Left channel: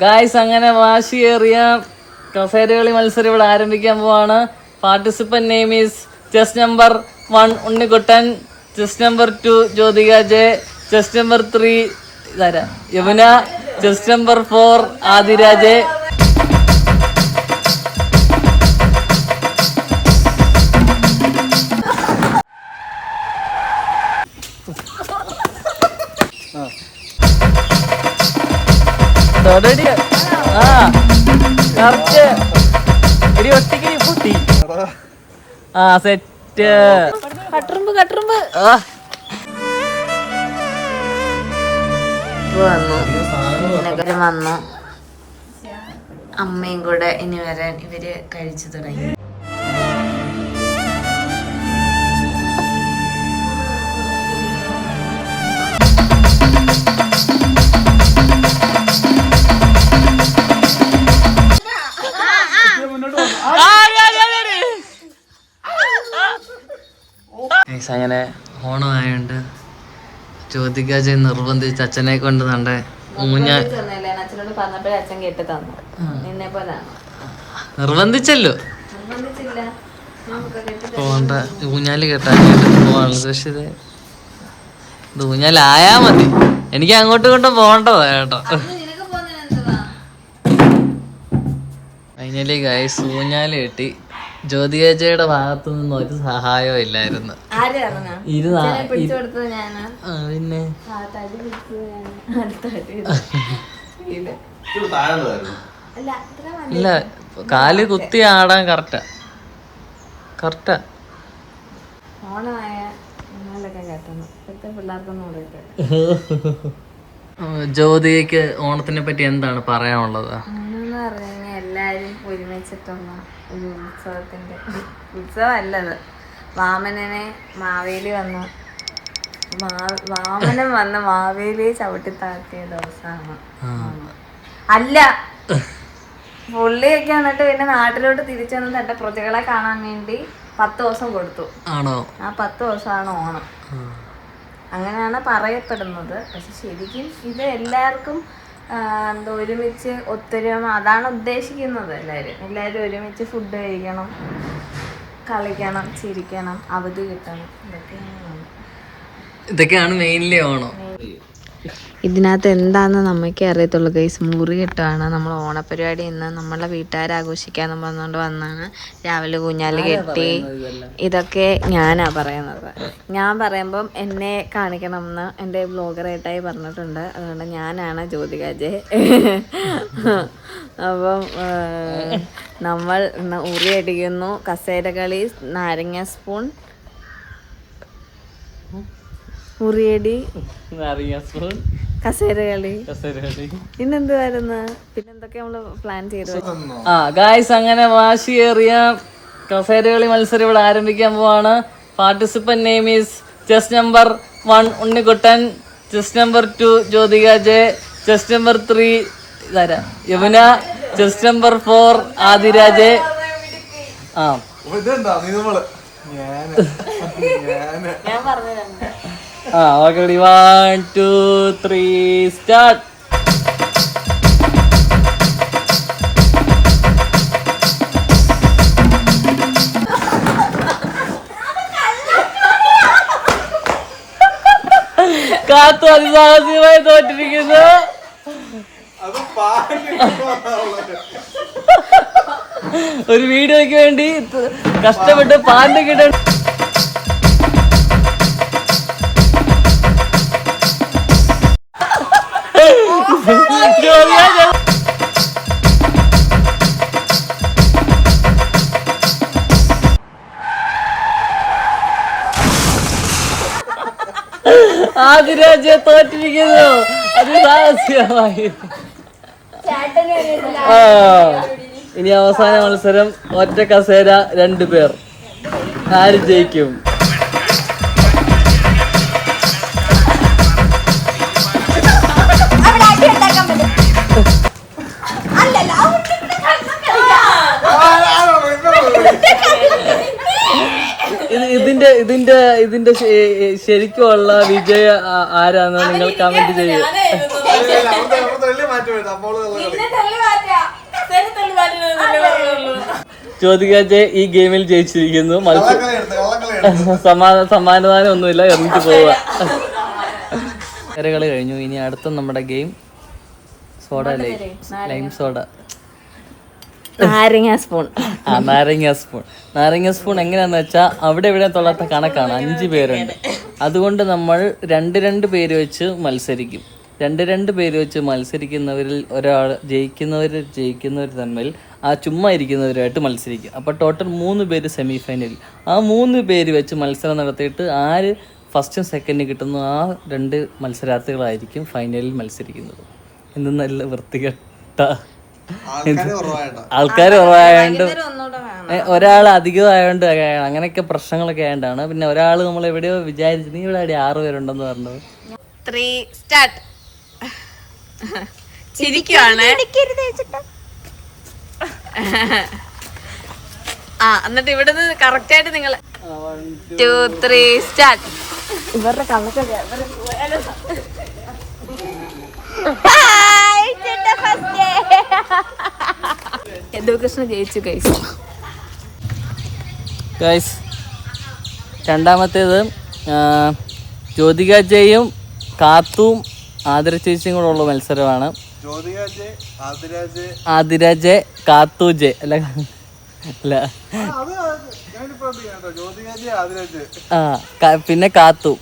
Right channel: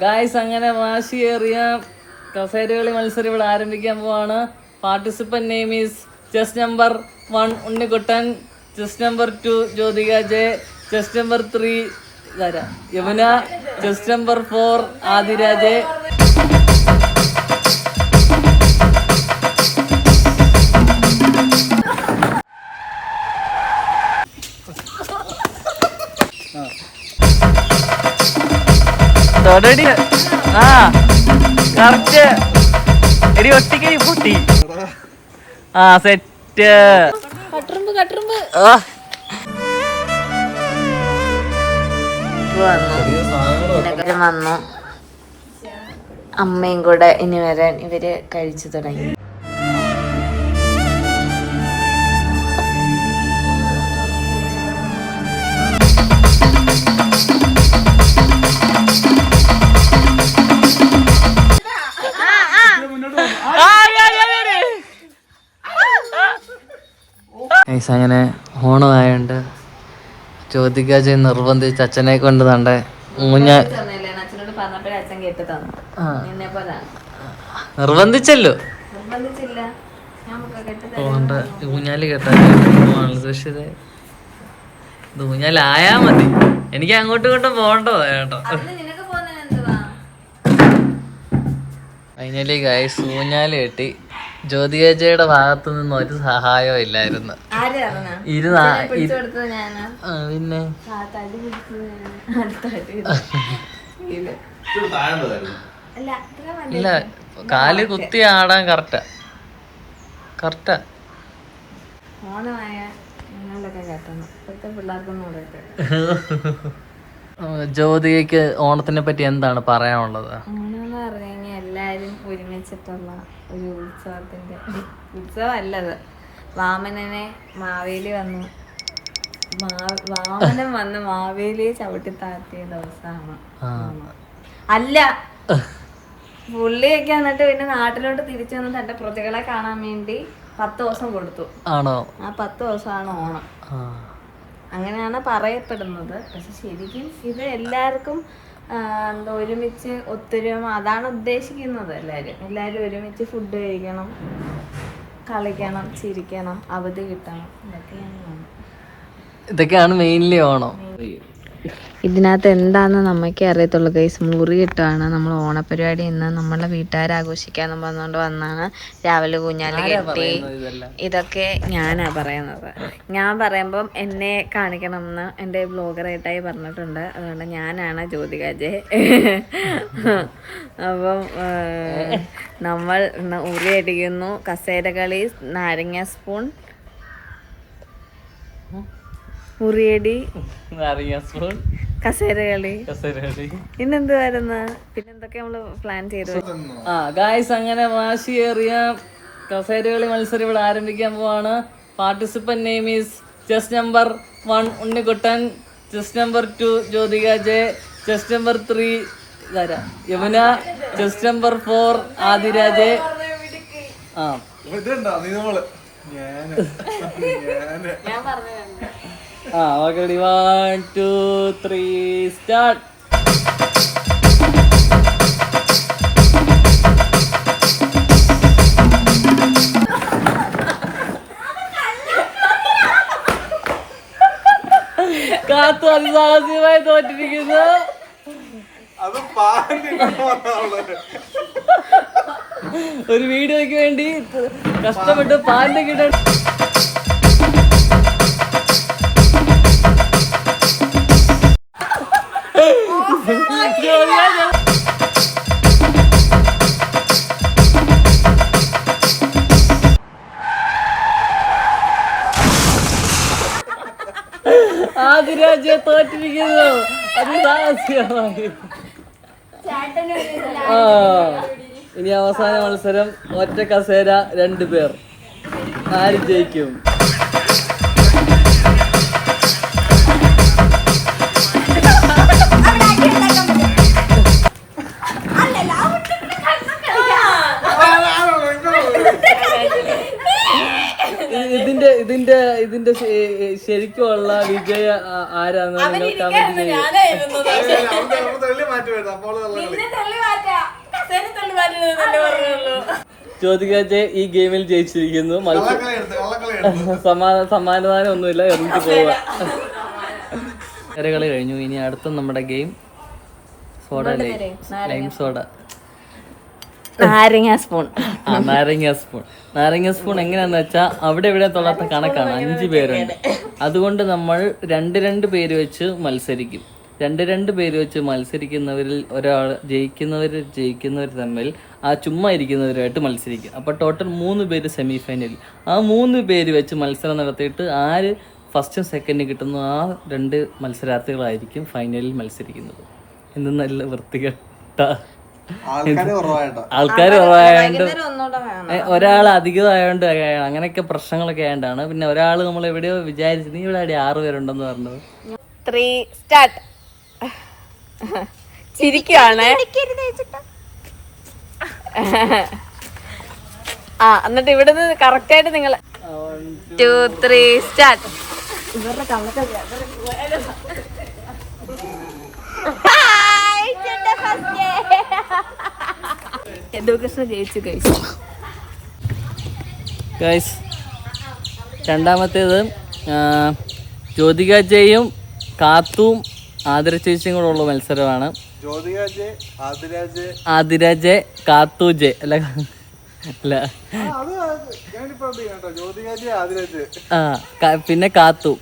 Guys, അങ്ങനെ വാശിയേറിയ കസേരകളി മത്സരം ഇവിടെ ആരംഭിക്കാൻ പോവാണ്. Participant name is chess number 1 Unnikuttan, chess number 2 Jyothika J, chess number 3 Yamuna, chess number 4 ആദിരാജെ. തൊടടി ആ കറക്റ്റ് എടി ഒട്ടിക്കടി പൊട്ടി. ആ സെറ്റ് കട്ടുറുമ്പ് വന്നു. അമ്മയും കൂടെ ഇനി വരാൻ ഇവര് കഴിച്ചു തുടങ്ങി. അങ്ങനെ ഓണമായോണ്ട് ജ്യോതികാജ് നിർബന്ധിച്ച് അച്ഛനെ കൊണ്ട് തണ്ടേ നിർബന്ധിച്ചല്ലോ പോണ്ട ഊഞ്ഞാല് കെട്ടാനായിട്ട് പോവാനുള്ളത്. പക്ഷെ ഇത് ഊഞ്ഞാലായാ മതി, എനിക്ക് അങ്ങോട്ടും ഇങ്ങോട്ടും പോകണ്ടതാ കേട്ടോ. ഫൈനലി ഗൈസ് ഊഞ്ഞാല് കെട്ടി. ജ്യോതികയുടെ ഭാഗത്തു നിന്ന് ഒരു സഹായവും ഇല്ലായിരുന്നു. പിന്നെ ഇല്ല, കാല് കുത്തി ആടാൻ കറക്റ്റാ. ജ്യോതികയ്ക്ക് ഓണത്തിനെ പറ്റി എന്താണ് പറയാനുള്ളത്? എല്ലാരും ഒരുമിച്ചിട്ടുള്ള ഒരു ഉത്സവമല്ലത്. വാമനനെ മാവേലി വന്ന് വാമനൻ വന്ന് മാവേലിയെ ചവിട്ടി താഴ്ത്തിയ ദിവസമാണ്. അല്ല, പുള്ളിയൊക്കെ എന്നിട്ട് പിന്നെ നാട്ടിലോട്ട് തിരിച്ചു വന്ന് തന്റെ പ്രജകളെ കാണാൻ വേണ്ടി 10 ദിവസം കൊടുത്തു. ആണോ? ആ 10 ദിവസമാണ് ഓണം. അങ്ങനെയാണ് പറയപ്പെടുന്നത്. പക്ഷെ ശരിക്കും ഇത് എല്ലാവർക്കും ഒരുമിച്ച് ഒത്തൊരുമ, അതാണ് ഉദ്ദേശിക്കുന്നത്. എല്ലാവരും ഒരുമിച്ച് ഫുഡ് കഴിക്കണം, കളിക്കണം, ചിരിക്കണം, അവധി കിട്ടണം. ഇതൊക്കെയാണ് മെയിൻലി ഓണം. ഇതിനകത്ത് എന്താണെന്ന് നമ്മൾക്കേ അറിയത്തുള്ളൂ ഗൈസ്. മുറി കെട്ടാണ് നമ്മൾ ഓണപരിപാടി. ഇന്ന് നമ്മളെ വീട്ടുകാരാഘോഷിക്കാന്ന് പറഞ്ഞുകൊണ്ട് വന്നാണ്. രാവിലെ ഊഞ്ഞാല് കെട്ടി. ഇതൊക്കെ ഞാനാ പറയുന്നത്. ഞാൻ പറയുമ്പം എന്നെ കാണിക്കണമെന്ന് എൻ്റെ ബ്ലോഗറായിട്ടായി പറഞ്ഞിട്ടുണ്ട്. അതുകൊണ്ട് ഞാനാണ് ജ്യോതികാജെ. അപ്പം നമ്മൾ ഉറി അടിക്കുന്നു, കസേരകളി, നാരങ്ങ സ്പൂൺ, ഉറിയടി, കസേരകളി, പിന്നെന്തുവായിരുന്നു, പിന്നെന്തൊക്കെ നമ്മള് പ്ലാൻ ചെയ്തു. ഗായ്സ്, അങ്ങനെ വാശിയേറിയ കസേരകളി മത്സരം ഇവിടെ ആരംഭിക്കാൻ പോവാണ്. Participant name is chess number 1 Unnikuttan, chess number 2 Jyothika J, chess number 3 Yamuna, chess number 4 Adiraje. Okay, 1 2 3 start. കാത്തു അതിസാഹസികമായി തോറ്റിരിക്കുന്നു. ഒരു വീഡിയോയ്ക്ക് വേണ്ടി കഷ്ടപ്പെട്ട് പാണ്ട് കിട്ട. ആദിരാജ തോറ്റിരിക്കുന്നു. അതിസാഹസികമായി. ഇനി അവസാന മത്സരം, ഒറ്റ കസേര 2 പേർ. ആര് ജയിക്കും? ഇതിന്റെ ഇതിന്റെ ശരിക്കുള്ള വിജയ ആരാന്ന് നിങ്ങൾ കമന്റ് ചെയ്യും. ജ്യോതികാജെ ഈ ഗെയിമിൽ ജയിച്ചിരിക്കുന്നു. സമ്മാനദാനം ഒന്നുമില്ല, എറിഞ്ഞിട്ട് പോവുക. കളി കഴിഞ്ഞു. ഇനി അടുത്ത നമ്മുടെ ഗെയിം സോഡ ലൈം സോഡ. നാരങ്ങ സ്പൂൺ. നാരങ്ങ സ്പൂൺ എങ്ങനെയാന്ന് വെച്ചാൽ അവിടെ ഇവിടെ തൊള്ളാത്ത കണക്കാണ്. 5 പേരുണ്ട്. അതുകൊണ്ട് നമ്മൾ 2 പേര് വെച്ച് മത്സരിക്കും. 2 പേര് വെച്ച് മത്സരിക്കുന്നവരിൽ ഒരാൾ ജയിക്കുന്നവർ തമ്മിൽ ആ ചുമ്മാ ഇരിക്കുന്നവരുമായിട്ട് മത്സരിക്കും. അപ്പോൾ ടോട്ടൽ 3 പേര് സെമി ഫൈനലിൽ. ആ 3 പേര് വെച്ച് മത്സരം നടത്തിയിട്ട് ആര് ഫസ്റ്റും സെക്കൻഡും കിട്ടുന്നു ആ 2 മത്സരാർത്ഥികളായിരിക്കും ഫൈനലിൽ മത്സരിക്കുന്നത്. എന്ത് നല്ല വൃത്തികെട്ട ആൾക്കാർ കുറവായതുകൊണ്ട്, ഒരാൾ അധികമായതുകൊണ്ട്, അങ്ങനെയൊക്കെ പ്രശ്നങ്ങളൊക്കെ ആയതുകൊണ്ടാണ്. പിന്നെ ഒരാൾ നമ്മൾ എവിടെയോ വിചാരിച്ചു നീ ഇവിടെ 6 പേരുണ്ടെന്ന് പറഞ്ഞത്. 3 സ്റ്റാർട്ട്. ചിരിക്കുവാണ്. എന്നിട്ട് ഇവിടുന്ന് കറക്റ്റ് ആയിട്ട് നിങ്ങൾ 2 3 സ്റ്റാർട്ട്. ഇവരുടെ കള്ളൊക്കെ യദുകൃഷ്ണ ജയിച്ചു ഗൈസ്. രണ്ടാമത്തേത് ജ്യോതികാജയും കാത്തും ആതിര ചേച്ചിയും കൂടെ ഉള്ള മത്സരമാണ്. ആതിരാജ് കാത്തൂജ് അല്ല പിന്നെ കാത്തു,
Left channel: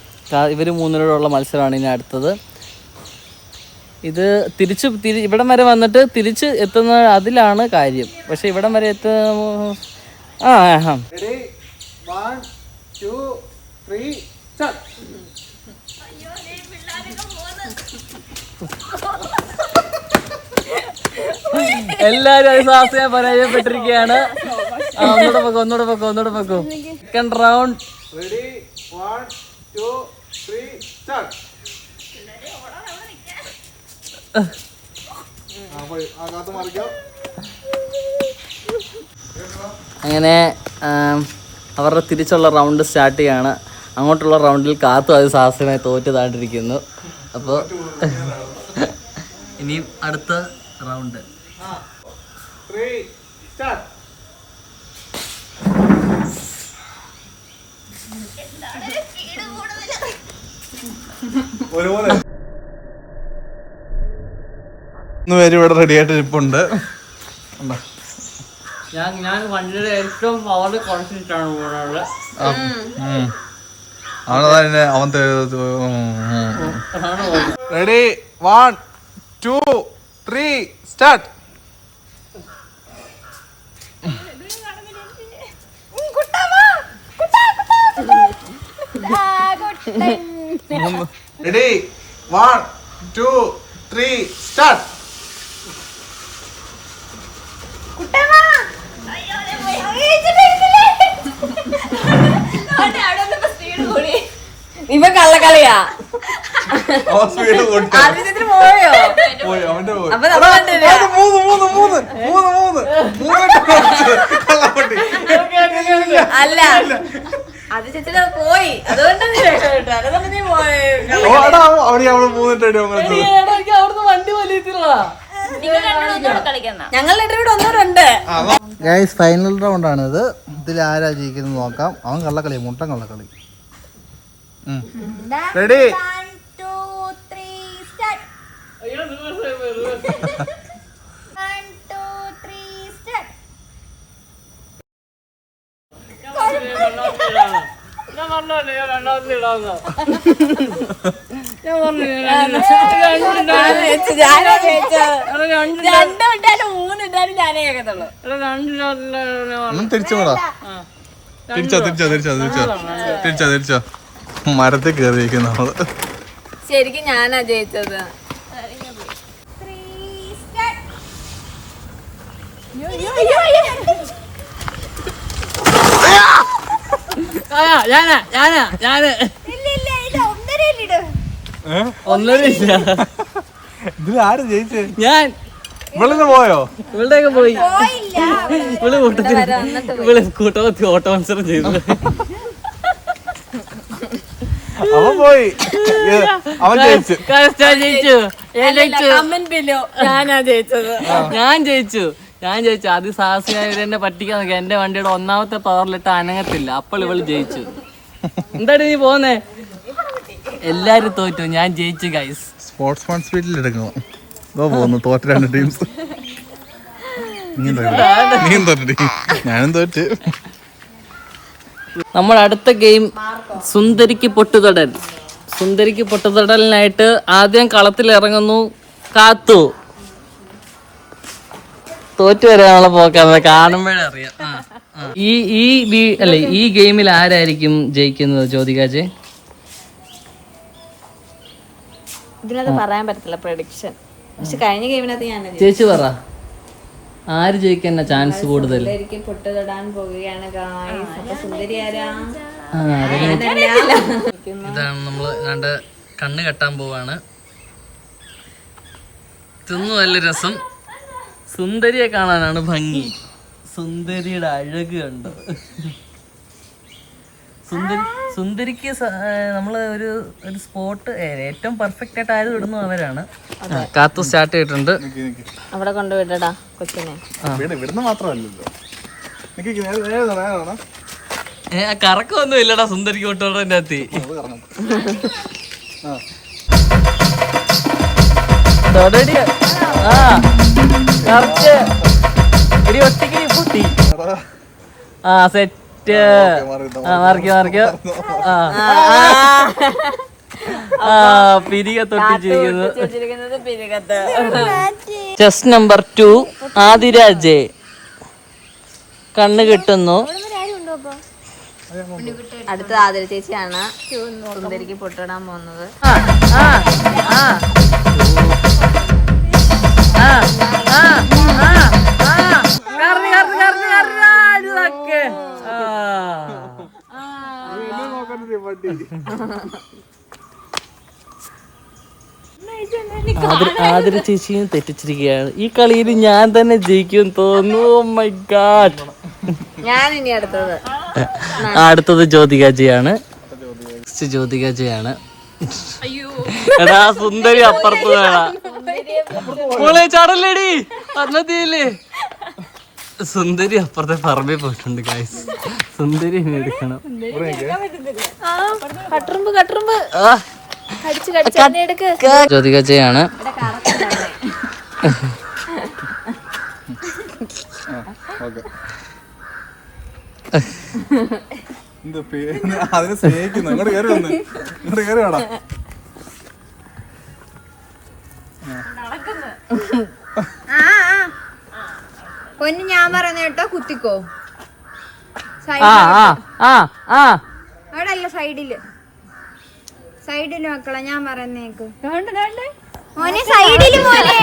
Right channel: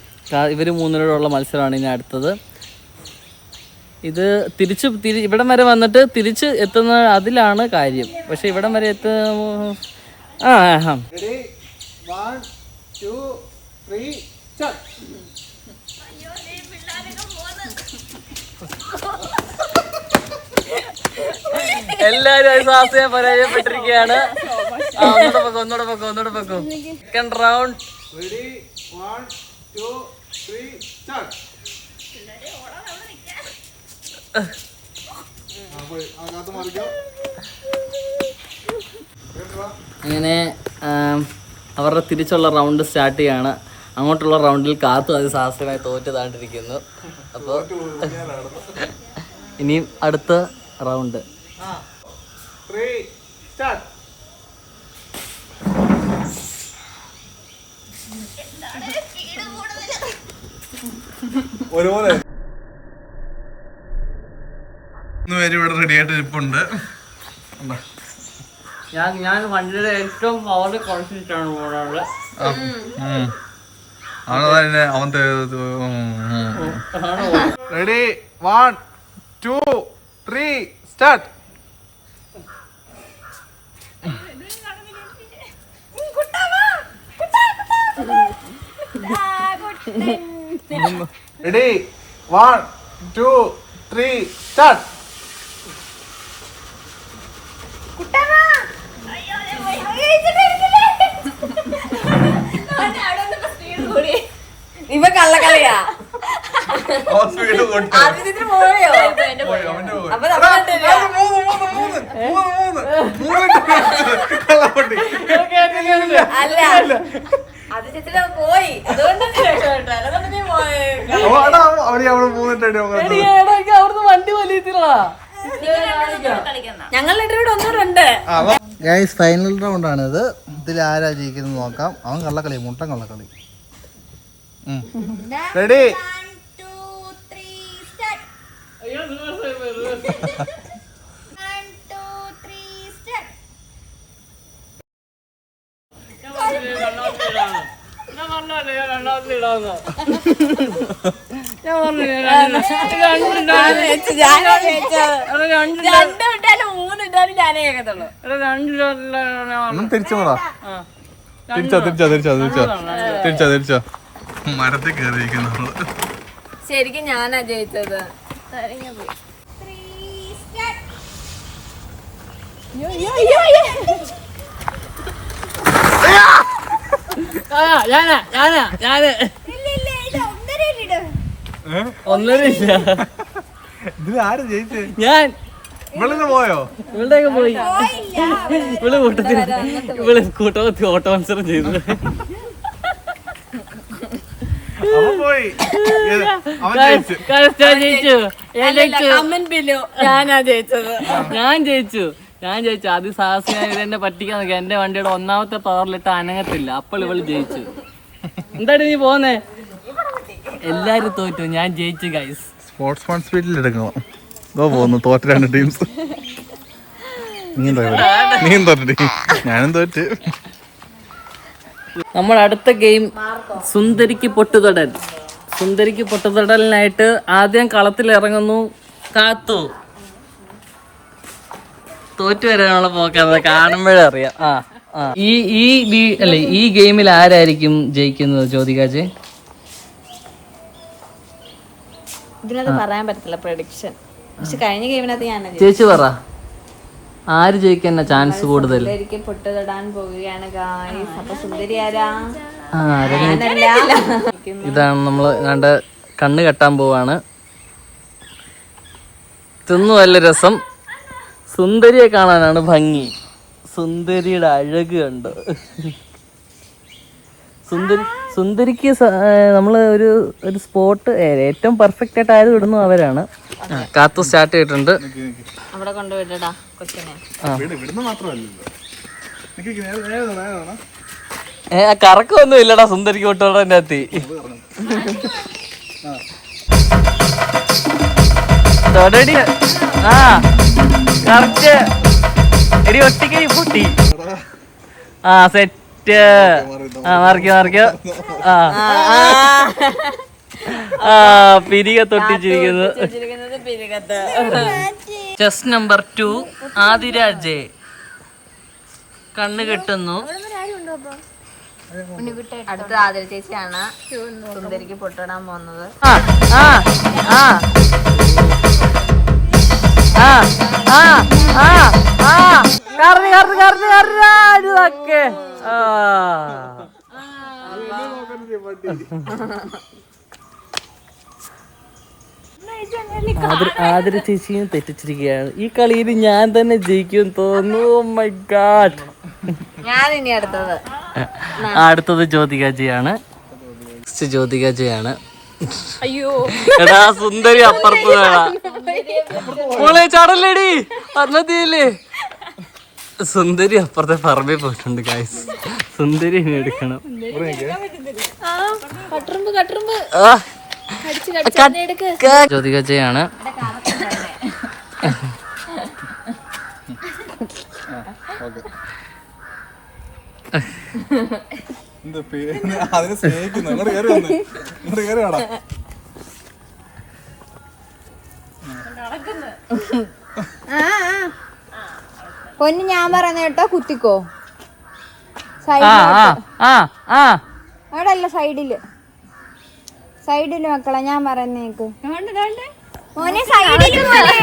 ഇവര് 3 പേരുള്ള മത്സരമാണ് ഇനി അടുത്തത്. ഇത് ഇവിടം വരെ വന്നിട്ട് തിരിച്ച് എത്തുന്ന അതിലാണ് കാര്യം. പക്ഷെ ഇവിടം വരെ എല്ലാരും പരാജയപ്പെട്ടിരിക്കുകയാണ്. ഒന്നൂടെ പൊക്കോ. Second round. അങ്ങനെ അവരുടെ തിരിച്ചുള്ള റൗണ്ട് സ്റ്റാർട്ട് ചെയ്യാണ്. അങ്ങോട്ടുള്ള റൗണ്ടിൽ കാത്തു അത് സാഹസമായി തോറ്റതായിട്ടിരിക്കുന്നു. അപ്പോൾ ഇനിയും അടുത്ത റൗണ്ട്. ഇവിടെ റെഡി ആയിട്ട് ഇരിപ്പുണ്ട്. ഞാൻ വണ്ടിയുടെ ഏറ്റവും പവറിൽ കുറച്ചിട്ടാണ് പോകുന്നത്. അവൻ റെഡി 1 2 3 സ്റ്റാർട്ട്. Ready 1 2 3 start. ഇവ കള്ളക്കളിയാ. വണ്ടി വലിയത്തില്ല. ഞങ്ങൾ ഒന്നൂറുണ്ട്. ഗൈസ് ഫൈനൽ റൗണ്ട് ആണ് ഇത്. ഇതിൽ ആരാ ജയിക്കുന്നത് നോക്കാം. അവൻ കള്ളക്കളി, മുട്ടൻ കള്ളക്കളി. Ready 1 2 3 start. 1 2 3 സ്റ്റാർട്ട്. തിരിച്ചോ മരത്തിൽ കയറിയിരിക്കുന്നു. ശരിക്കും ഞാനാ ജയിച്ചത്. ഒന്നരയില്ല. ഇതിൽ ആര് ജയിച്ചേ? ഞാൻ. ഇവളിന്ന് പോയോ? ഇവളുടെയൊക്കെ പോയി. ഇവള് കൂട്ടത്തിൽ കൂട്ടത്തിൽ ഓട്ടോ മത്സരം ചെയ്തു. അവൻ പോയി അവൻ ജയിച്ചു. ഞാൻ ജയിച്ചു അതിസാഹസികമായി ഇവരെന്നെ പറ്റിക്കാൻ നോക്കി. എന്റെ വണ്ടിയുടെ ഒന്നാമത്തെ പവറിലിട്ട് അനങ്ങത്തില്ല. അപ്പോൾ ഇവള് ജയിച്ചു. എന്താടി നീ പോന്നേ? എല്ലാരും തോറ്റു, ഞാൻ ജയിച്ചു ഗൈസ്. സ്പോർട്സ്മാൻ സ്പീഡിൽ എടുക്കണം. ഇതോ പോകുന്നു തോറ്റ 2 ടീംസ്. നീയും തോറ്റി, ഞാനും തോറ്റ്. നമ്മൾ അടുത്ത ഗെയിം സുന്ദരിക്ക് പൊട്ടുതൊടൽ. സുന്ദരിക്ക് പൊട്ടുതൊടലിനായിട്ട് ആദ്യം കളത്തിൽ ഇറങ്ങുന്നു കാത്തു. തോറ്റു വരാനുള്ള പോക്കാണ്, കാണുമ്പോഴേ അറിയാം. ഈ ഗെയിമിൽ ആരായിരിക്കും ജയിക്കുന്നത് ജ്യോതികാജെ? ഇതിനകത്ത് പറയാൻ പറ്റത്തില്ല പ്രഡിക്ഷൻ. പക്ഷെ കഴിഞ്ഞ ഗെയിമിനകത്ത് ഞാൻ ചേച്ചി പറ, ആര് ജയിക്കാൻ ചാൻസ് കൂടുതൽ? പൊട്ടുതൊടാൻ പോവുകയാണ് ഗായ്സ്. അപ്പൊ സുന്ദരി ആരാ? ഇതാണ് നമ്മള് കണ്ട കണ്ണ് കെട്ടാൻ പോവാണ്. തിന്നു നല്ല രസം. സുന്ദരിയെ കാണാനാണ് ഭംഗി. സുന്ദരിയുടെ അഴക് കണ്ടോ? സുന്ദരിക്ക് നമ്മള് ഒരു സ്പോട്ട് ഏറ്റവും പെർഫെക്റ്റ് ആയിട്ട് ആയത് ഇടുന്നു അവരാണ്. കാത്തു സ്റ്റാർട്ട് ചെയ്തിട്ടുണ്ട്. അവിടെ കൊണ്ടുവിടടാ കൊച്ചിനെ. കറക്കൊന്നും ഇല്ലടാ സുന്ദരിക്ക് പൊട്ടോടെ അകത്തി. തൊടടി. ആ കറക്റ്റ്. എടി ഒട്ടിക്കടി പൊട്ടി. ആ സെറ്റ്. മറിക്കോ. പിരിക തൊട്ടിച്ചിരിക്കുന്നു. Chess number 2 Adiraj. കണ്ണ് കിട്ടുന്നു. അടുത്ത ആതിര ചേച്ചിയാണ് സുന്ദരിക്ക് പൊട്ടിടാൻ പോകുന്നത്. ആതിര ചേച്ചിയും തെറ്റിച്ചിരിക്കുകയാണ്. ഈ കളിയിൽ ഞാൻ തന്നെ ജയിക്കും തോന്നുന്നു. Oh my god. ഞാൻ ഇനി അടുത്തത് ജ്യോതികാജിയാണ്. എടാ സുന്ദരി അപ്പുറത്ത് ചടല്ലേടി പറഞ്ഞില്ലേ? സുന്ദരി അപ്പുറത്തെ പറമ്പിൽ പോയിട്ടുണ്ട് ഗൈസ്. സുന്ദരി ഇനി എടുക്കണം. ജ്യോതികാജിയാണ്. അതിനെ സ്നേഹിക്കുന്നു. ഇങ്ങോട്ട് കയറി വന്ന് ഇങ്ങോട്ട് കയറി വേടാ. പൊന്നു ഞാൻ പറയുന്ന കേട്ടോ, കുത്തിക്കോ. അവിടെ അല്ല, സൈഡില് മക്കളെ ഞാൻ പറയുന്നേക്ക്. മോനെ സൈഡില് മോനെ.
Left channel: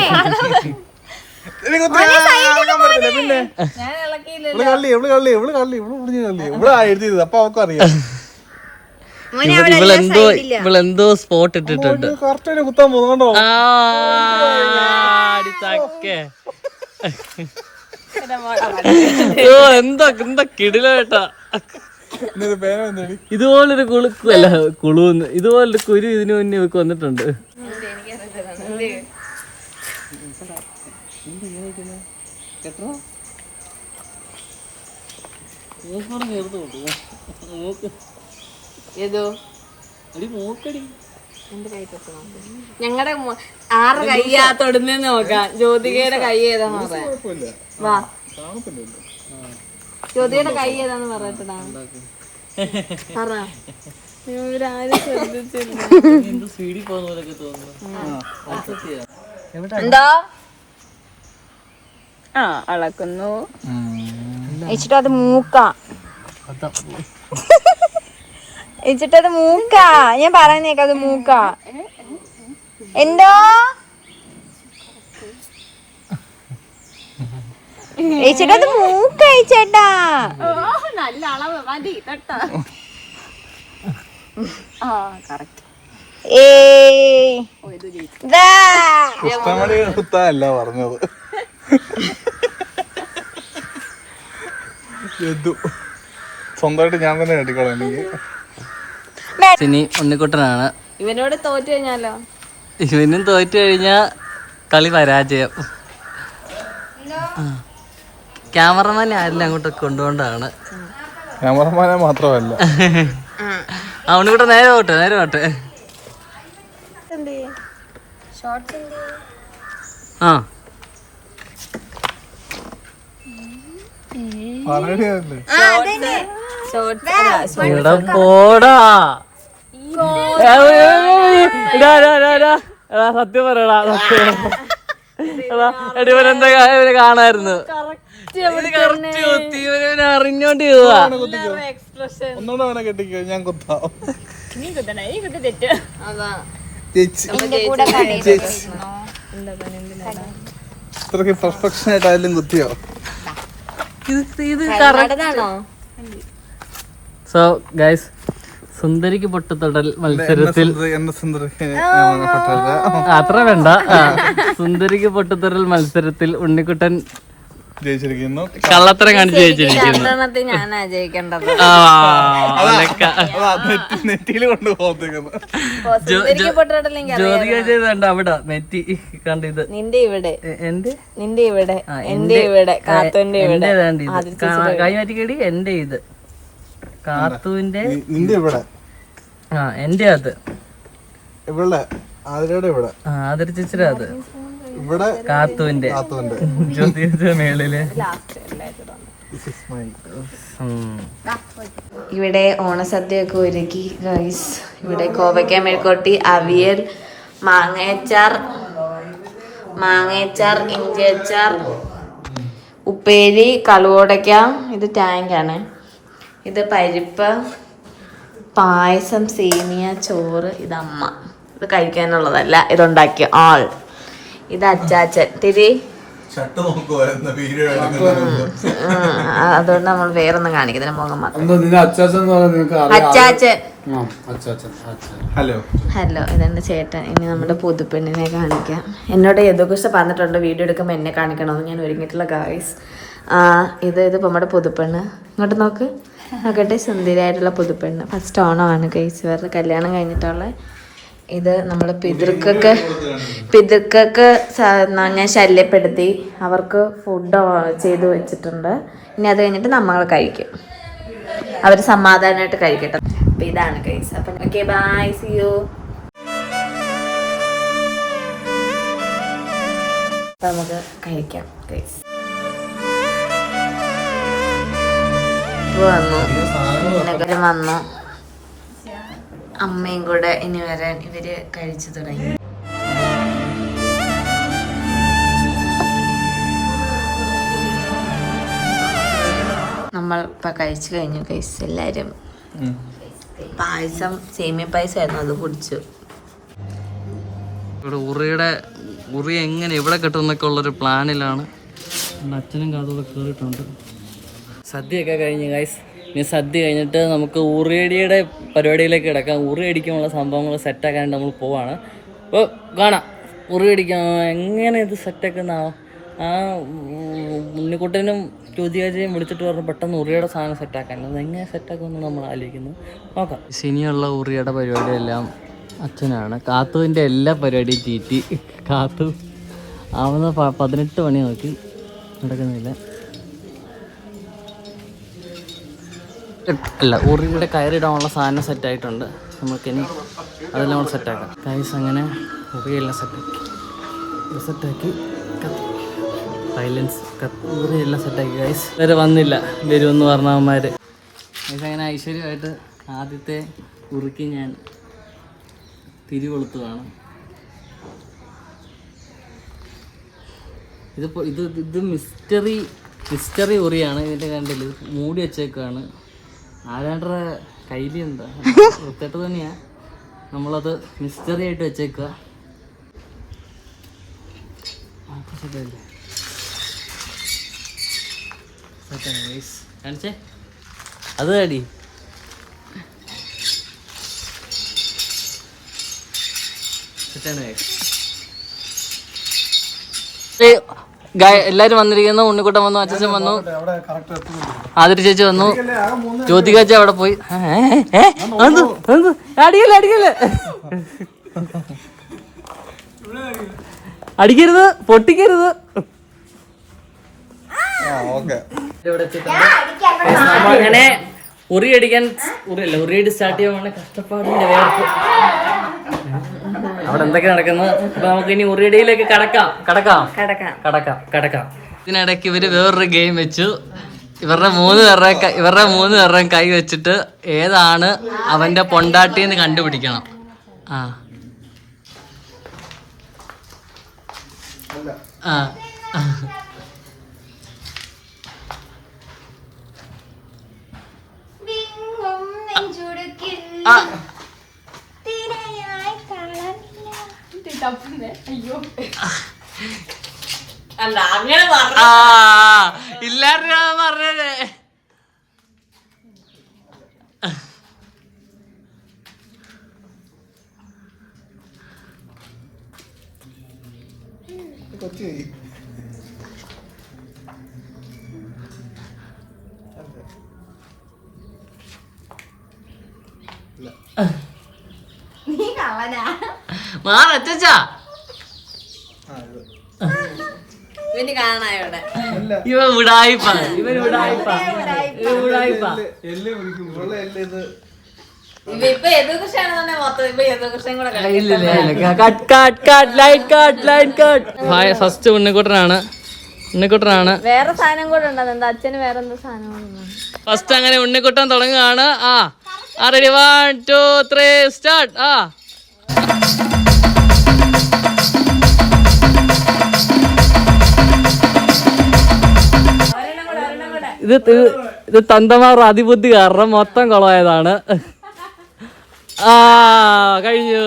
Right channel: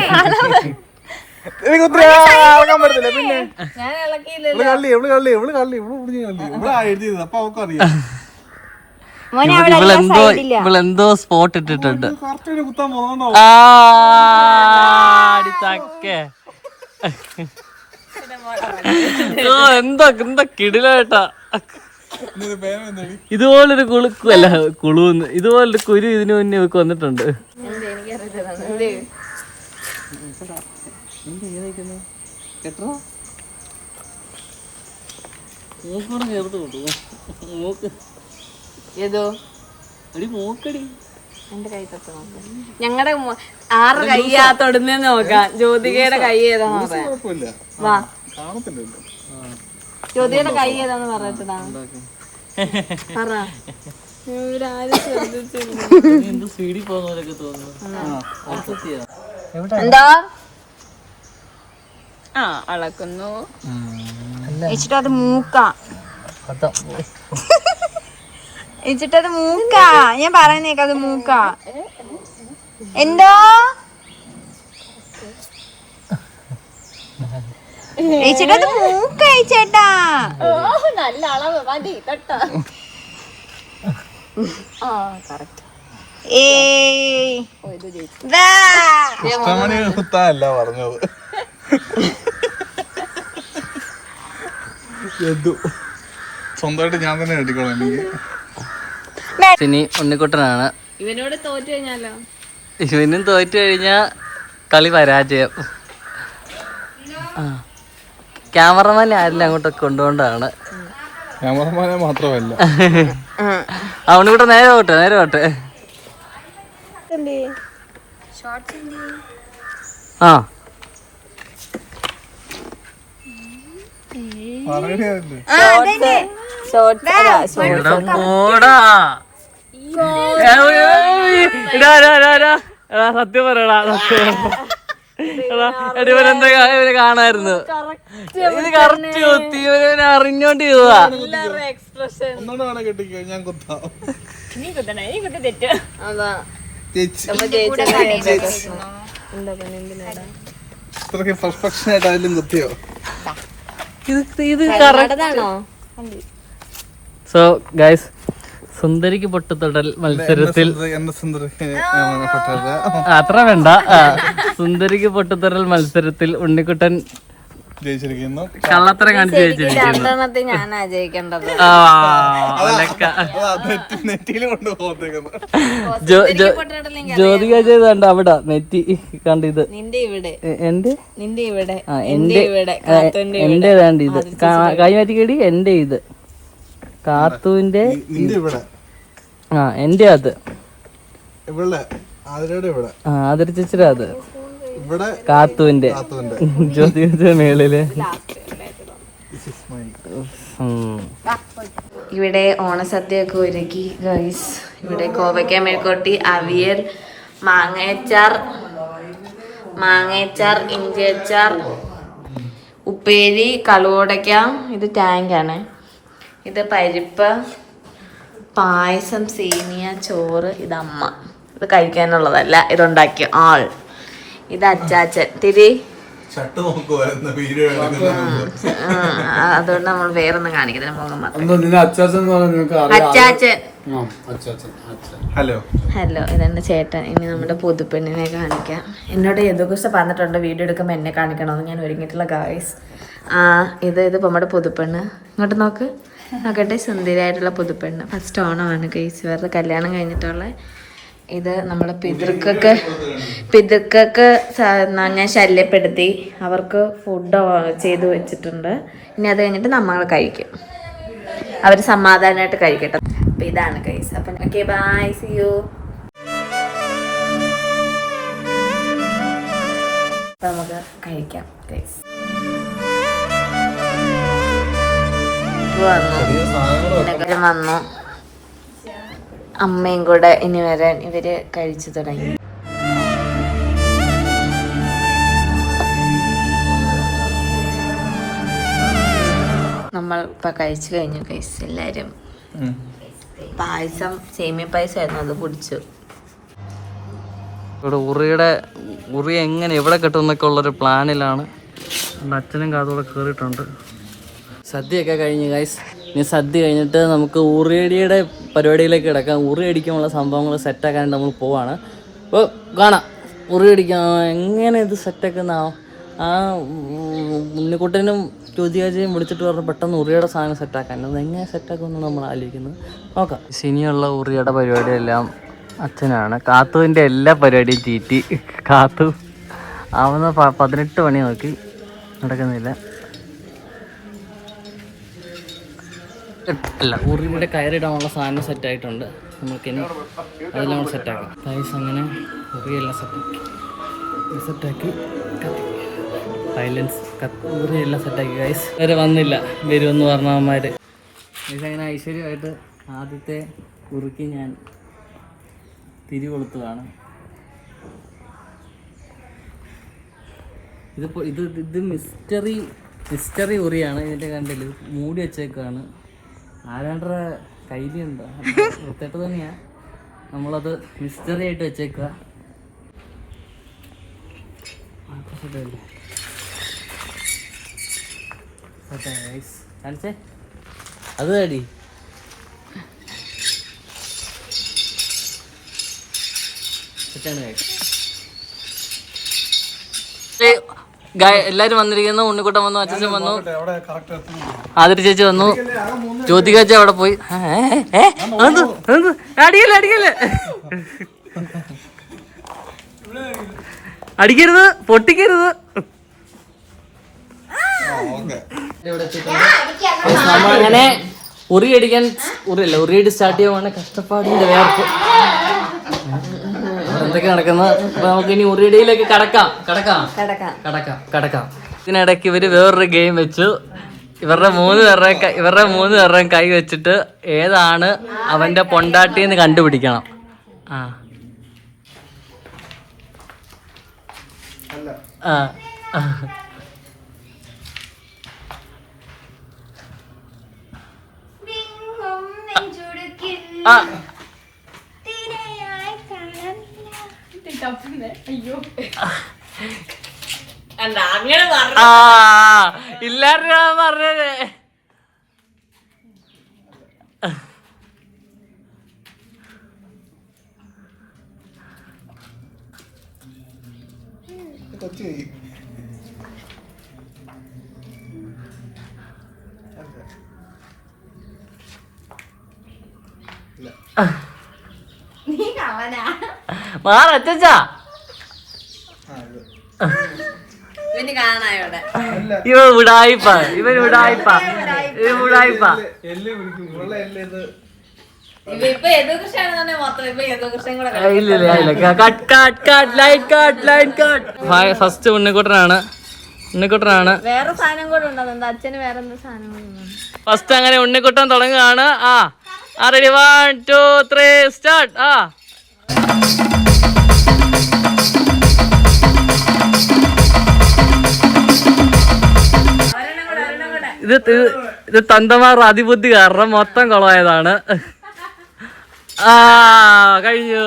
പിന്നെ ഇവളെന്തോ സ്പോട്ട് ഇട്ടിട്ടുണ്ട്. എന്താ കിടിലേട്ടാ. ഇതുപോലൊരു കുളുക്കല്ല കുളുന്ന്, ഇതുപോലൊരു കുരു ഇതിനു മുന്നേ ഇവക്ക് വന്നിട്ടുണ്ട്. ഞങ്ങളുടെ 6 കയ്യാ തൊടുന്നേന്ന് നോക്കാം. ജ്യോതികയുടെ കൈ ഏതാന്ന് പറയാം. വാ, ജ്യോതികയുടെ കൈ ഏതാന്ന് പറയട്ടടാ. പറ. എന്താ അളക്കുന്നു വെച്ചിട്ടത് മൂക്കാ. വെച്ചിട്ടത് മൂക്കാ. ഞാൻ പറയുന്നേക്ക അത് മൂക്കാ. എന്തോ ചേട്ടത് മൂക്ക ചേട്ടാ. നല്ല അളവ് മതി. പറഞ്ഞത് സ്വന്തമായിട്ട് ഞാൻ തന്നെ അടിക്കോളാം. ഇനി ഉണ്ണിക്കുട്ടനാണ്. ഇവനോട് തോറ്റു കഴിഞ്ഞാലോ? ഇവനും തോറ്റു കഴിഞ്ഞാ കളി പരാജയം. ക്യാമറമാനെ ആരിലും അങ്ങോട്ടൊക്കെ കൊണ്ടുകൊണ്ടാണ്. ക്യാമറമാനെ മാത്രമല്ല ഉണ്ണിക്കുട്ടൻ നേരെ പോട്ടെ. ആ പോടാ. സത്യം പറയടാ, ഇവരെന്താ ഇവര് കാണായിരുന്നു. ഇവനെ അറിഞ്ഞോണ്ട് ചെയ്തതാ. ഒന്നുകൂടെ കെട്ടിക്കോ, ഞാൻ കുത്താം. ഇത്രക്ക് പെർഫെക്ഷൻ ആയിട്ട് അതിലും കുത്തിയോ? ഇത് സോ ഗൈസ്, സുന്ദരിക്ക് പൊട്ടുതൊടൽ മത്സരത്തിൽ അത്ര വേണ്ട. സുന്ദരിക്ക് പൊട്ടുതൊടൽ മത്സരത്തിൽ ഉണ്ണിക്കുട്ടൻ ജയിച്ചിരിക്കുന്നു. കള്ളത്തരം കാണിച്ച് ജയിച്ചിരിക്കുന്നു. ഞാനാ ജയിക്കേണ്ടത്. ജ്യോതിക ചെയ്തണ്ട അവിടെ നെറ്റി കണ്ട. ഇത് നിന്റെ ഇവിടെ, എന്റെ നിന്റെ ഇവിടെ, എന്റെ ഇവിടെ, കാത്തുന്റെ ഇവിടെ. ഇത് കൈ മാറ്റിക്കേടി. എന്റെ ഇത് കാത്തുവിന്റെ, നിന്റെ ഇവിടെ, എന്റെ അത് ഇവിടെ, ആതിരയുടെ ഇവിടെ, ആതിര ചേച്ചിയുടെ അത് ഇവിടെ, കാത്തുവിന്റെ ജ്യോതിയുടെ മേളില്. ഇവിടെ ഓണസദ്യയൊക്കെ ഒരുക്കി ഗൈസ്. ഇവിടെ കോവയ്ക്ക മെഴുക്കോട്ടി, അവിയൽ, മാങ്ങയച്ചാർ, ഇഞ്ചിയച്ചാർ, ഉപ്പേരി, കളുവോടയ്ക്ക. ഇത് ടാങ്കാണ്. ഇത് പരിപ്പ്, പായസം, സേമിയ, ചോറ്. ഇത് അമ്മ. ഇത് കഴിക്കാനുള്ളതല്ല, ഇതുണ്ടാക്കിയ ആൾ. ഇത് അച്ചാച്ചൻ. തിരി അതുകൊണ്ട് നമ്മൾ വേറൊന്നും കാണിക്കുന്നില്ല, മുഖം മാത്രം. അച്ചാച്ചൻ. ഹലോ, ഇതെന്റെ ചേട്ടൻ. ഇനി നമ്മുടെ പുതുപ്പെണ്ണിനെ കാണിക്കാം. എന്നോട് യദുകൃഷ്ണ പറഞ്ഞിട്ടുണ്ട് വീഡിയോ എടുക്കുമ്പോൾ എന്നെ കാണിക്കണമെന്ന്. ഞാൻ ഒരുങ്ങിയിട്ടുള്ള ഗായ്സ്. ഇത് നമ്മുടെ പുതുപ്പെണ്ണ്. ഇങ്ങോട്ട് നോക്കട്ടെ. സുന്ദരിയായിട്ടുള്ള പുതുപ്പെണ്ണ്. ഫസ്റ്റ് ഓണമാണ് ഗൈസ്, വേറെ കല്യാണം കഴിഞ്ഞിട്ടുള്ള. ഇത് നമ്മുടെ പിതൃക്കൊക്കെ ഞാൻ ശല്യപ്പെടുത്തി. അവർക്ക് ഫുഡ് ചെയ്ത് വെച്ചിട്ടുണ്ട്. ഇനി അത് കഴിഞ്ഞിട്ട് നമ്മൾ കഴിക്കും. അവർ സമാധാനമായിട്ട് കഴിക്കട്ടെ. അപ്പം ഇതാണ് ഗൈസ്. അപ്പം ഓക്കെ, ബൈ, സീ യു. അപ്പം നമുക്ക് കഴിക്കാം ഗൈസ്. വന്നു അമ്മയും കൂടെ ഇനി വരാൻ. ഇവര് കഴിച്ചു തുടങ്ങി. നമ്മൾ ഇപ്പൊ കഴിച്ചു കഴിഞ്ഞു ഗൈസ്. എല്ലാരും പായസം, സേമിയ പായസം ആയിരുന്നു, അത് കുടിച്ചു. ഇവിടെ ഉറി എങ്ങനെ എവിടെ കിട്ടും എന്നൊക്കെ ഉള്ളൊരു പ്ലാനിലാണ്. അച്ഛനും കാതോടെ കയറിയിട്ടുണ്ട്. സദ്യയൊക്കെ കഴിഞ്ഞ് ഗൈസ്. ഇനി സദ്യ കഴിഞ്ഞിട്ട് നമുക്ക് ഉറിയടിയുടെ പരിപാടിയിലേക്ക് കിടക്കാം. ഉറി അടിക്കാനുള്ള സംഭവങ്ങൾ സെറ്റാക്കാനായിട്ട് നമ്മൾ പോവാണ്. അപ്പോൾ കാണാം ഉറി അടിക്കാൻ എങ്ങനെ ഇത് സെറ്റാക്കുന്നതാവും. ആ ഉണ്ണിക്കുട്ടനും ജ്യോതികാചയും വിളിച്ചിട്ട് പറഞ്ഞ് പെട്ടെന്ന് ഉറിയുടെ സാധനം സെറ്റാക്കാൻ. അത് എങ്ങനെ സെറ്റാക്കുമെന്ന് നമ്മൾ ആലോചിക്കുന്നത്. നോക്കാം. ഇനിയുള്ള ഉറിയുടെ പരിപാടിയെല്ലാം അച്ഛനാണ്. കാത്തുവിൻ്റെ എല്ലാ പരിപാടിയും ചീറ്റി. കാത്തു ആവുന്ന 18 മണി നോക്കി നടക്കുന്നില്ല. അല്ല, ഉറിയുടെ കയറിടാനുള്ള സാധനം സെറ്റായിട്ടുണ്ട്. നമുക്കിനി അതെല്ലാം കൂടെ സെറ്റാക്കാം ഗൈസ്. അങ്ങനെ ഉറിയെല്ലാം സെറ്റാക്കി സൈലൻസ് ഉറിയെല്ലാം സെറ്റാക്കി ഗൈസ്. വരെ വന്നില്ല, വരുമെന്ന് പറഞ്ഞവന്മാർ ഗൈസ്. അങ്ങനെ ഐശ്വര്യമായിട്ട് ആദ്യത്തെ ഉറിക്ക് ഞാൻ തിരികൊളുത്തുകയാണ്. ഇത് മിസ്റ്ററി ഉറിയാണ്. ഇതിൻ്റെ കണ്ടില്ല, ഇത് മൂടി വെച്ചേക്കാണ്. ആരാണ്ടറെ കയ്യിലുണ്ട്, വൃത്തിയായിട്ട് തന്നെയാ. നമ്മളത് മിസ്റ്ററി ആയിട്ട് വെച്ചേക്കുക. കാണിച്ചേ, അത് കാടി. എല്ലാരും വന്നിരിക്കുന്നു. ഉണ്ണിക്കുട്ടൻ വന്നു, അച്ഛൻ വന്നു, ആതിര ചേച്ചി വന്നു, ജ്യോതിക ചേച്ചി അവിടെ പോയി. അടിക്കല്ലേ അടിക്കല്ലേ, അടിക്കരുത്, പൊട്ടിക്കരുത്. അങ്ങനെ ഉറിയടിക്കാൻ ഉറിയടി സ്റ്റാർട്ട് ചെയ്യുവാണ്. കഷ്ടപ്പാടിന്റെ വേർപ്പ് അവിടെ എന്തൊക്കെ നടക്കുന്നത്. അപ്പൊ നമുക്ക് ഇനി ഉറിയടിയിലേക്ക് കടക്കാം. ഇതിനിടയ്ക്ക് ഇവര് വേറൊരു ഗെയിം വെച്ചു. ഇവരുടെ മൂന്ന് പേരുടെയും കൈ വെച്ചിട്ട് ഏതാണ് അവന്റെ പൊണ്ടാട്ടിന്ന് കണ്ടുപിടിക്കണം. അല്ല അങ്ങനെ ഇല്ലായിരുന്നു പറഞ്ഞത്. കൊച്ചു മാറച്ചാ ഇവന് കാണായോടെ ഇവ വിടായിപ്പാ. ഇപ്പൊ ഫസ്റ്റ് ഉണ്ണിക്കുട്ടനാണ്. വേറെ സാധനം കൂടെ ഉണ്ടോ? എന്താ അച്ഛന് വേറെ എന്തോ സാധനം ഫസ്റ്റ് അങ്ങനെ ഉണ്ണിക്കുട്ടൻ തുടങ്ങുകയാണ്. Ready 1 2 3 start. ഇത് തന്തമാർ അതിബുദ്ധി കാരണം മൊത്തം കുളമായതാണ്. കഴിഞ്ഞു.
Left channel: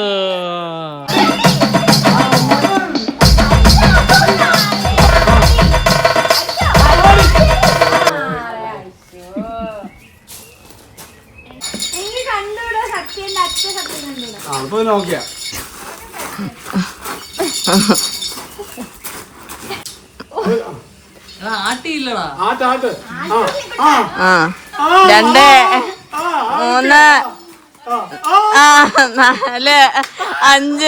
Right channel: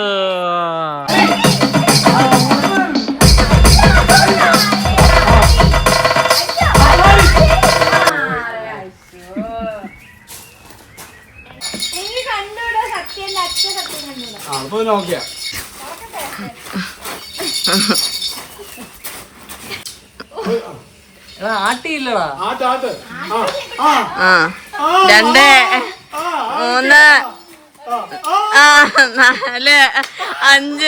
ആട്ടിയില്ലടാ. 2 3 4 5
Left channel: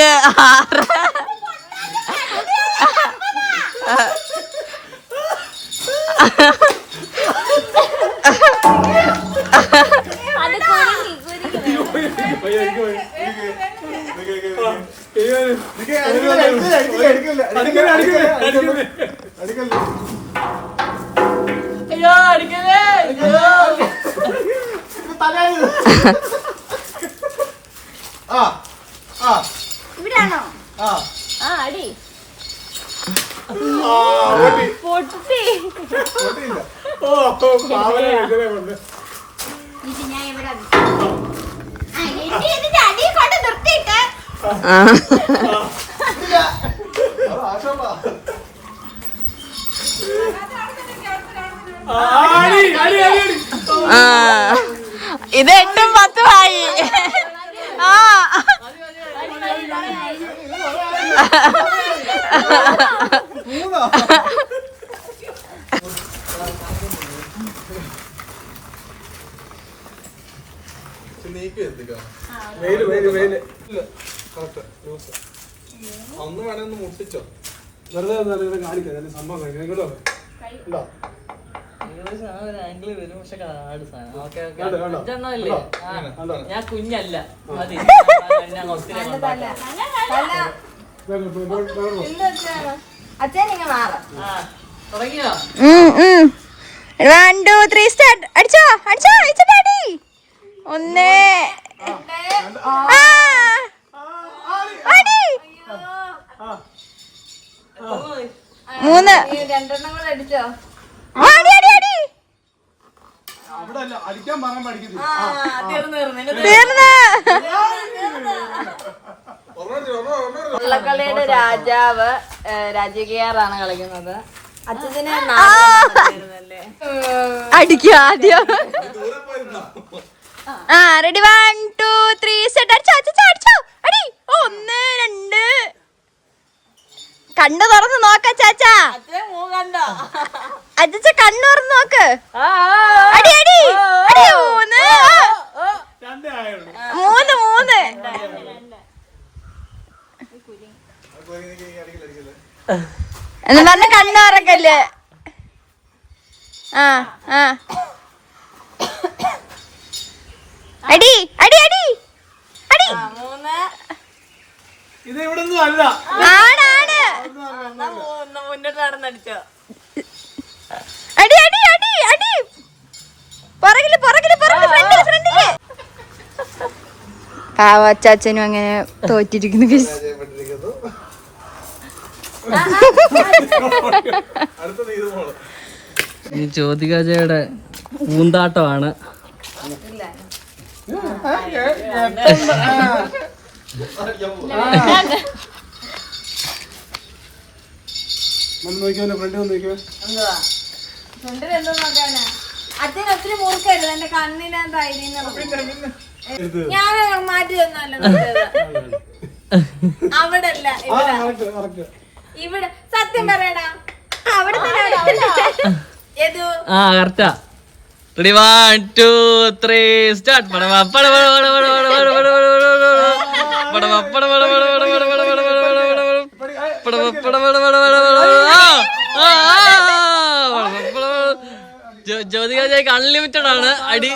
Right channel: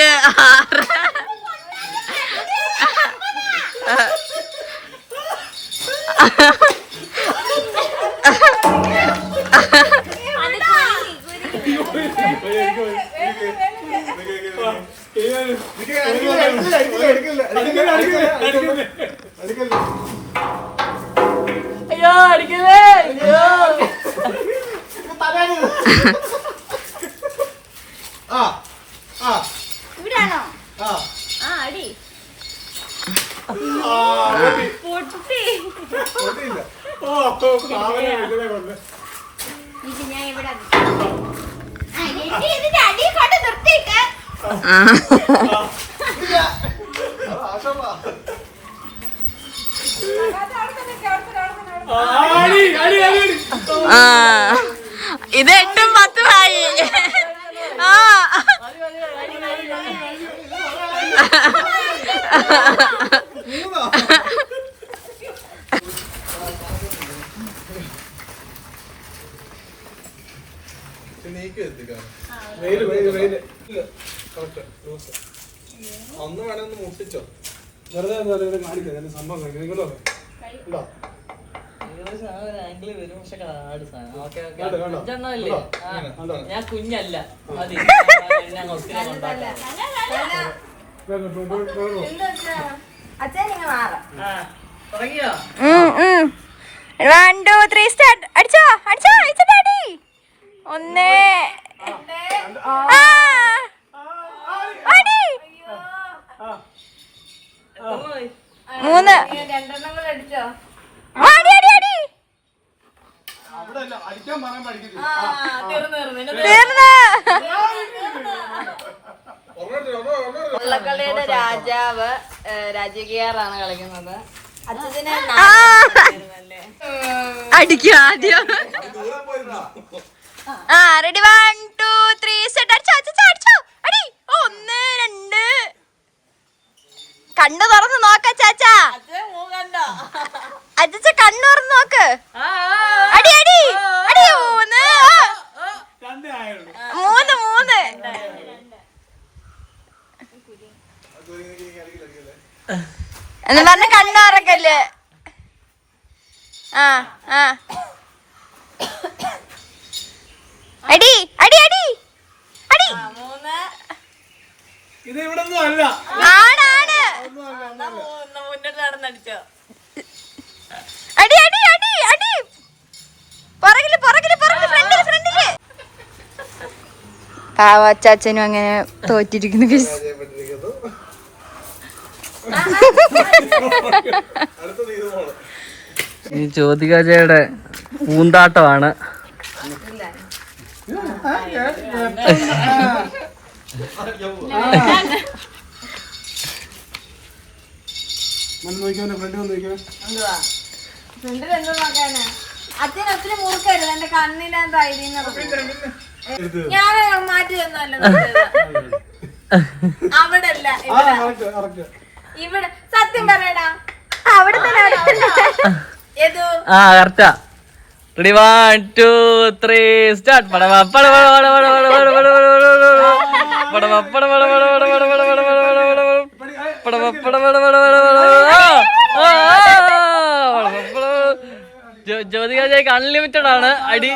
ഇവിടാണോ? അടി ഇത് 8 10 ആയി. ഒന്ന് വേണമെന്ന് മുട്ടിച്ചോ. വെറുതെ കാണിക്കാം സംഭവം ഞാൻ കുഞ്ഞല്ല, മതി. തുടങ്ങിയോ? 1 2 3 സ്റ്റാർട്ട്. അടിച്ചോ അടിച്ചോ അടിച്ചോ ഡാഡി. 1 അടി 3 രണ്ടെണ്ണം കൂടെ അടിച്ചോ. അടി അടി അടി കളിയുടെ രാജാവ് രാജകീയാറാണ് കളിക്കുന്നത്. അച്ഛനെ അടിക്കുക ആദ്യം. Ready 1 2 3 set. അടിച്ചോ അടിച്ചോ അടിച്ചോ. അടി 1 2 കണ്ണു തുറന്ന് നോക്ക ചാച്ചാ. അച്ഛ കണ്ണു തുറന്ന് നോക്ക്. അടി അടി അടി. 3 3 എന്ന് പറഞ്ഞ കണ്ണു തുറക്കല്ലേ. ആ ആ അടി അടി അടി അടി. ഇത് ഇവിടെ ഒന്നും അല്ല. ആണാണ്. അടി അടി അടി അടി. പുറകില് പുറകില് പുറകില് ഫ്രണ്ടില് ഫ്രണ്ടില്. പാവച്ചാച്ചനും അങ്ങനെ തോറ്റിരിക്കുന്നു. ഈ ജ്യോതികാജയുടെ പൂന്താട്ടമാണ്. അച്ഛൻ ഒത്തിരി മുറുക്കരുത്. എന്റെ കണ്ണിനകത്തായി ഞാൻ മാറ്റി തന്നല്ലോ. അവിടെ അല്ല ഇവിടെ. സത്യം പറയടാ. അവിടെ ആ കറക്റ്റാ. Ready 1 2 3 start. പടവ പടവ പടവ പടവ പടവ പടവ ജ്യോതികാജയ്ക്ക് അൺലിമിറ്റഡ് ആണ് അടി.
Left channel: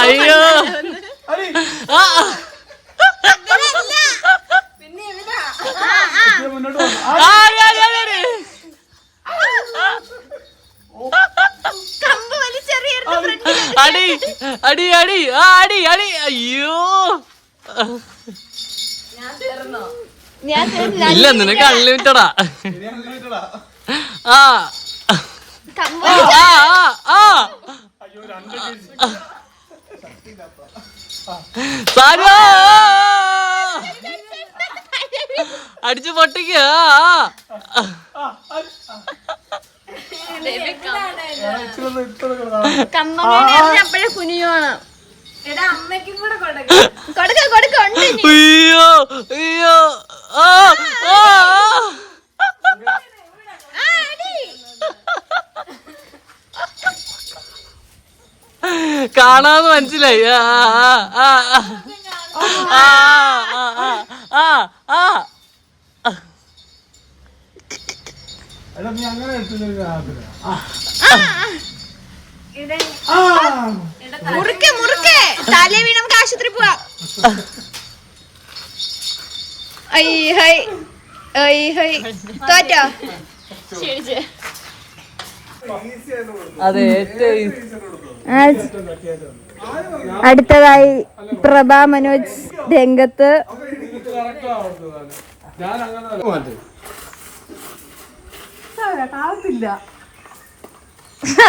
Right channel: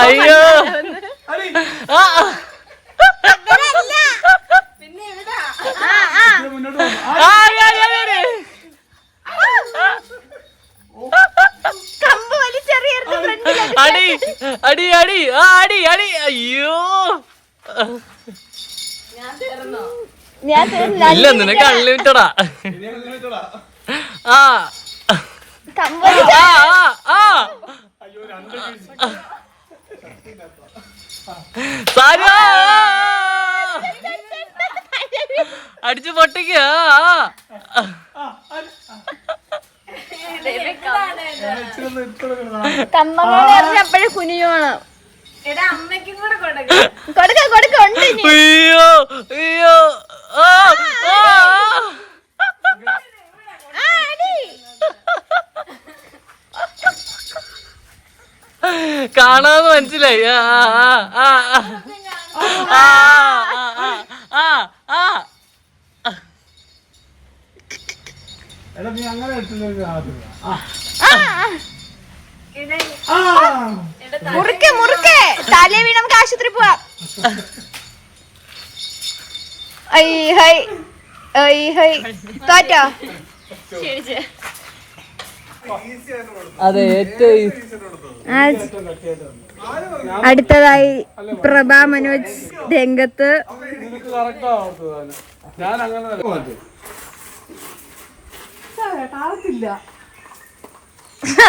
അയ്യോ അടി അടി അടി അടി അടി. അയ്യോ ഇല്ല, നിനക്ക് അൺലിമിറ്റഡാ. ആ അടിച്ചു പൊട്ടിക്ക. കുനിയോണം. അമ്മയ്ക്കും കൂടെ അയ്യോ അയ്യോ. കാണാന്ന് മനസ്സിലായി. മുറുക്കെ മുറുക്കെ. തലേ വീണ് നമുക്ക് ആശുപത്രി പോവാം. തോറ്റോ? അതെ, ഏറ്റവും അടുത്തതായി പ്രഭാ മനോജ് രംഗത്ത്.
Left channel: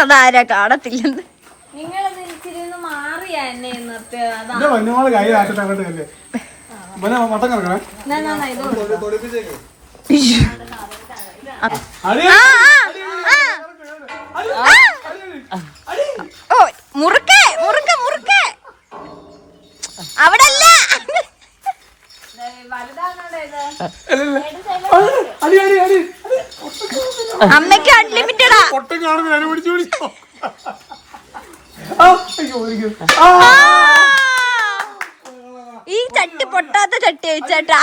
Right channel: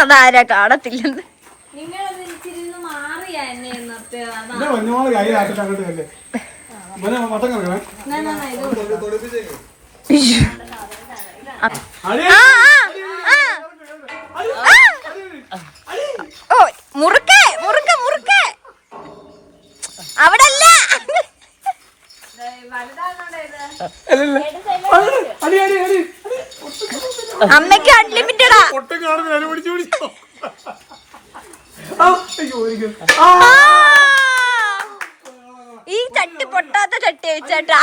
അതാരാ കാണത്തില്ലെന്ന്. നിങ്ങളത് ഇച്ചിരി മാറിയാ എന്നെ നിർത്തിയത്. ഓ മുറുക്കെ മുറുക്കെ മുറുക്കെ. അവിടെ അല്ല. അമ്മയ്ക്ക് അൺലിമിറ്റഡാ. ഈ ചട്ടി പൊട്ടാത്ത ചട്ടി വെച്ചേട്ടാ.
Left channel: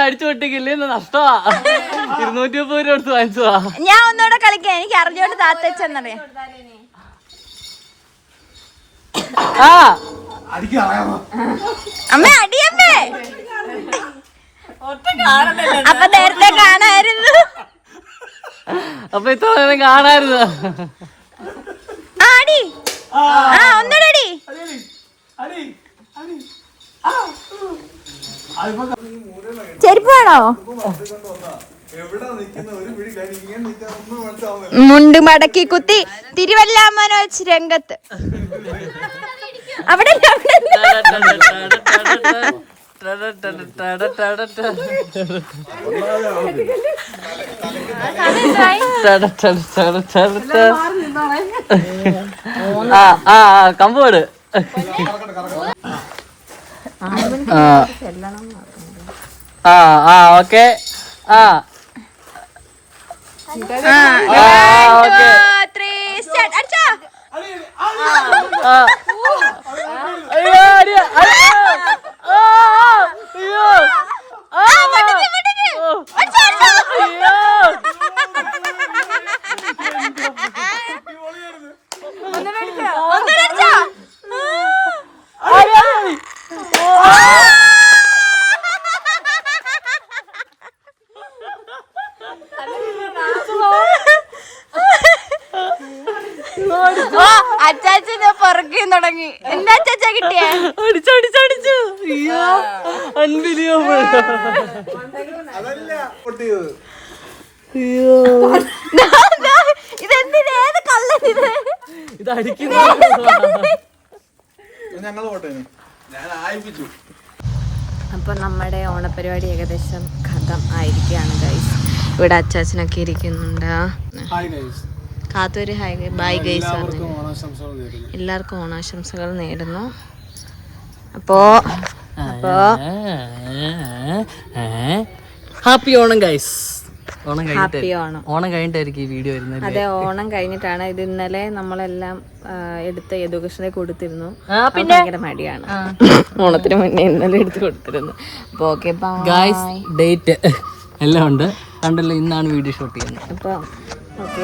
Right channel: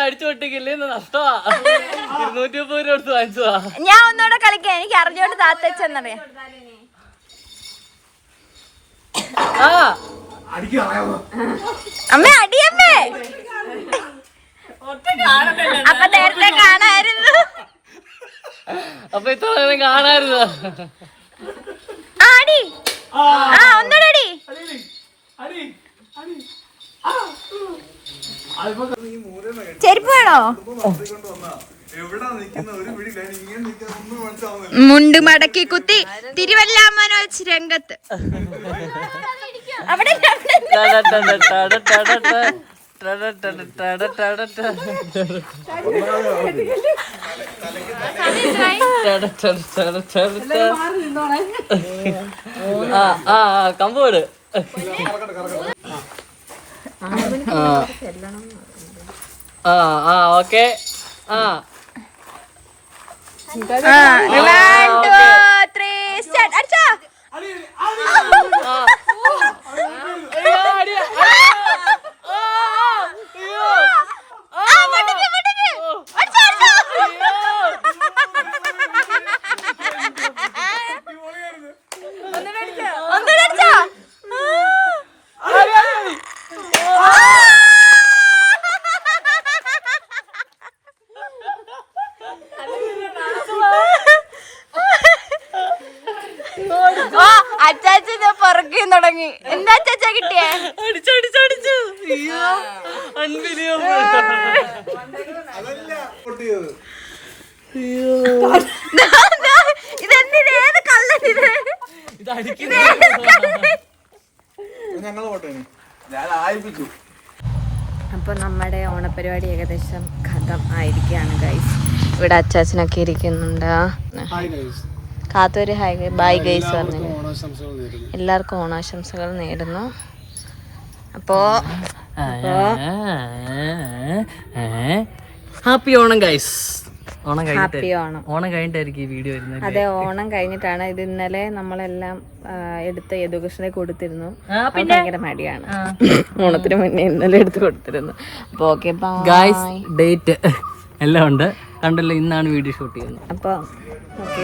അടിച്ചു പൊട്ടിക്കില്ലേ, നഷ്ടമാ. 230 രൂപ എടുത്ത് വാങ്ങിച്ചതാ. ഞാൻ ഒന്നുകൂടെ കളിക്കാം. എനിക്ക് അറിഞ്ഞോണ്ട് താത്ത വെച്ചെന്നറിയാം. അമ്മ അടിയമ്മേ. അപ്പൊ നേരത്തെ കാണായിരുന്നു. അപ്പൊ ഇത്ര നേരം കാണായിരുന്നു. ആടി ഒന്നടി ചെരുപ്പ് വേണോ? മുണ്ട് മടക്കി കുത്തി തിരുവല്ല മനോജ് രംഗത്ത്. അവിടെ കമ്പോട് ഓക്കെ. അച്ചാച്ചനെ പുറകെ തുടങ്ങി. എന്താ അച്ചാച്ച കിട്ടിയേ? ഇതെന്തിന്? ഏത് കള്ളനിത്? അപ്പൊ നമ്മുടെ ഓണപരിപാടി ഏകദേശം ഖതം ആയിരിക്കുകയാണ് ഗൈസ്. ഇവിടെ അച്ചാച്ചനൊക്കെ ഇരിക്കുന്നുണ്ട്. കാത്തൊരു ഹായ് ബൈ ഗൈസ് പറഞ്ഞു. എല്ലാവർക്കും ഓണാശംസകൾ നേരുന്നു. അപ്പോ happy Onam guys. Happy Onam. Onam കഴിഞ്ഞിട്ടായിരിക്കും ഈ വീഡിയോ വരുന്നത്. അതെ, ഓണം കഴിഞ്ഞിട്ടാണ് ഇത്. ഇന്നലെ നമ്മളെല്ലാം എടുത്ത് യദുകൃഷ്ണനെ കൊടുത്തിരുന്നു. ഭയങ്കര മടിയാണ്. ഓണത്തിന് മുന്നേ ഇന്നലെ എടുത്ത് കൊടുത്തിരുന്നു. അപ്പൊ ഓക്കെ ഗൈസ്, ഡേറ്റ് എല്ലാം ഉണ്ട്. കണ്ടല്ലോ, ഇന്നാണ് വീഡിയോ ഷൂട്ട് ചെയ്യുന്നത്. അപ്പൊ ഓക്കെ.